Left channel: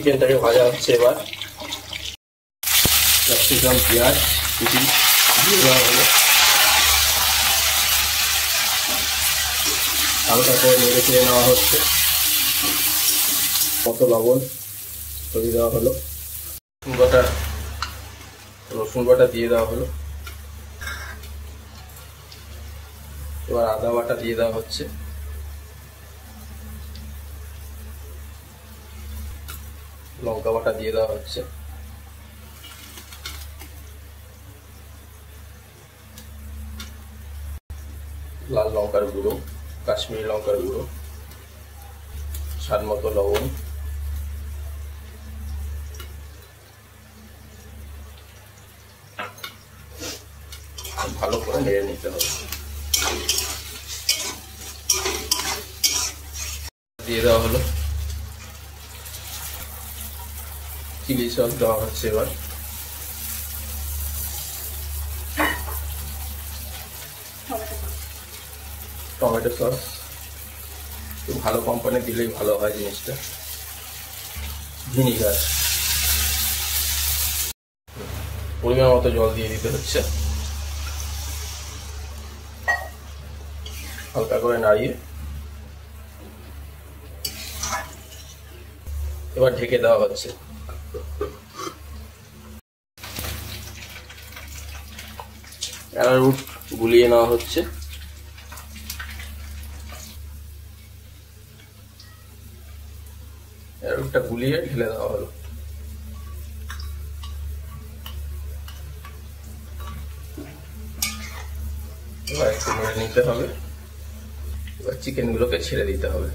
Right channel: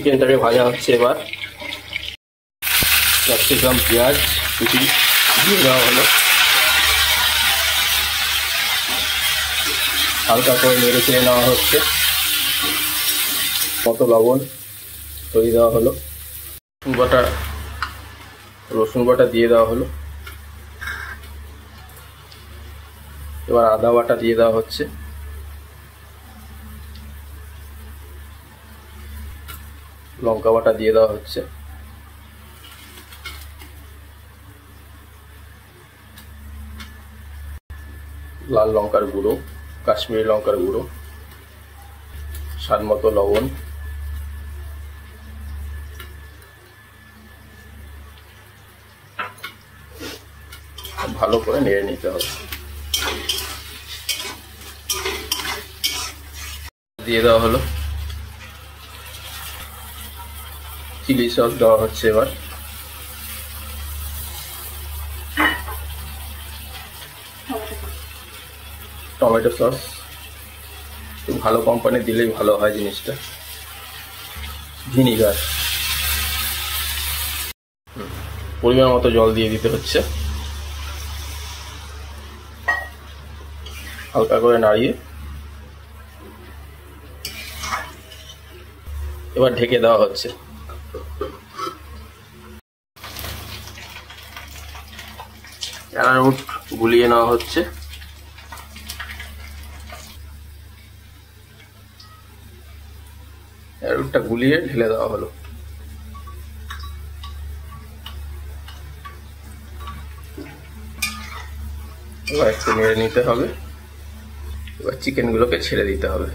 চিকেনটাকে ভাজা হচ্ছে। এবার ক্যাপসিকাম পেঁয়াজ কুচি দিয়ে দেওয়া হলো, হালকা করে নেড়ে চেড়ে নেওয়া হচ্ছে। মতো লবণ দিয়ে দেওয়া হলো, রসুন বাটা দিয়ে দেওয়া হলো। এবার আদা বাটা দিয়ে দেওয়া হচ্ছে, লঙ্কা বাটা দিয়ে দেওয়া হচ্ছে, লাল লঙ্কার গুঁড়ো, কাশ্মীরি লঙ্কার গুঁড়ো, স্বাদ মতো লবণ, ভালো করে নেড়ে নিতে হবে। দিয়ে দেওয়া হলো, চিলি সস দেওয়া হচ্ছে। এবার টমেটো সস, একটু ভালো কোম্পানি দিলেই ভালো হয় জিনিসটা। ভিনিগার, পরিমাণ মতো জল দিয়ে দিতে হচ্ছে। হালকা করে নাড়িয়ে এবার ঢেকে দেওয়া হচ্ছে। অ্যারারুট গুলিয়ে নেওয়া হচ্ছে। অ্যারারুটটা গুলিয়ে ঢেলে দেওয়া হলো। এবার একটু নেড়ে নিতে হবে। এবার চিকেনগুলোকে ছেড়ে দিতে হবে।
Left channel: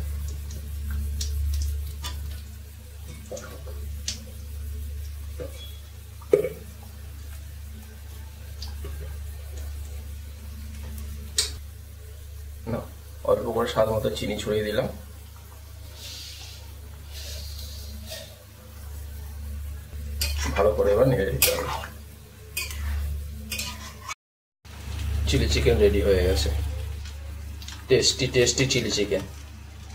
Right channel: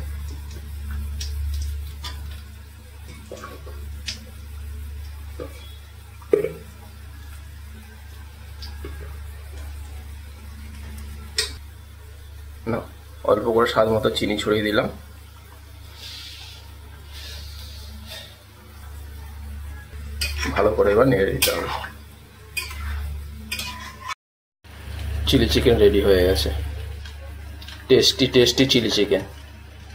অল্প করে স্বাদ মতো চিনি ছড়িয়ে দিলাম। ভালো করে এবার নেড়ে দিতে হবে। চিলি চিকেন রেডি হয়ে গেছে। Tasty chilli chicken.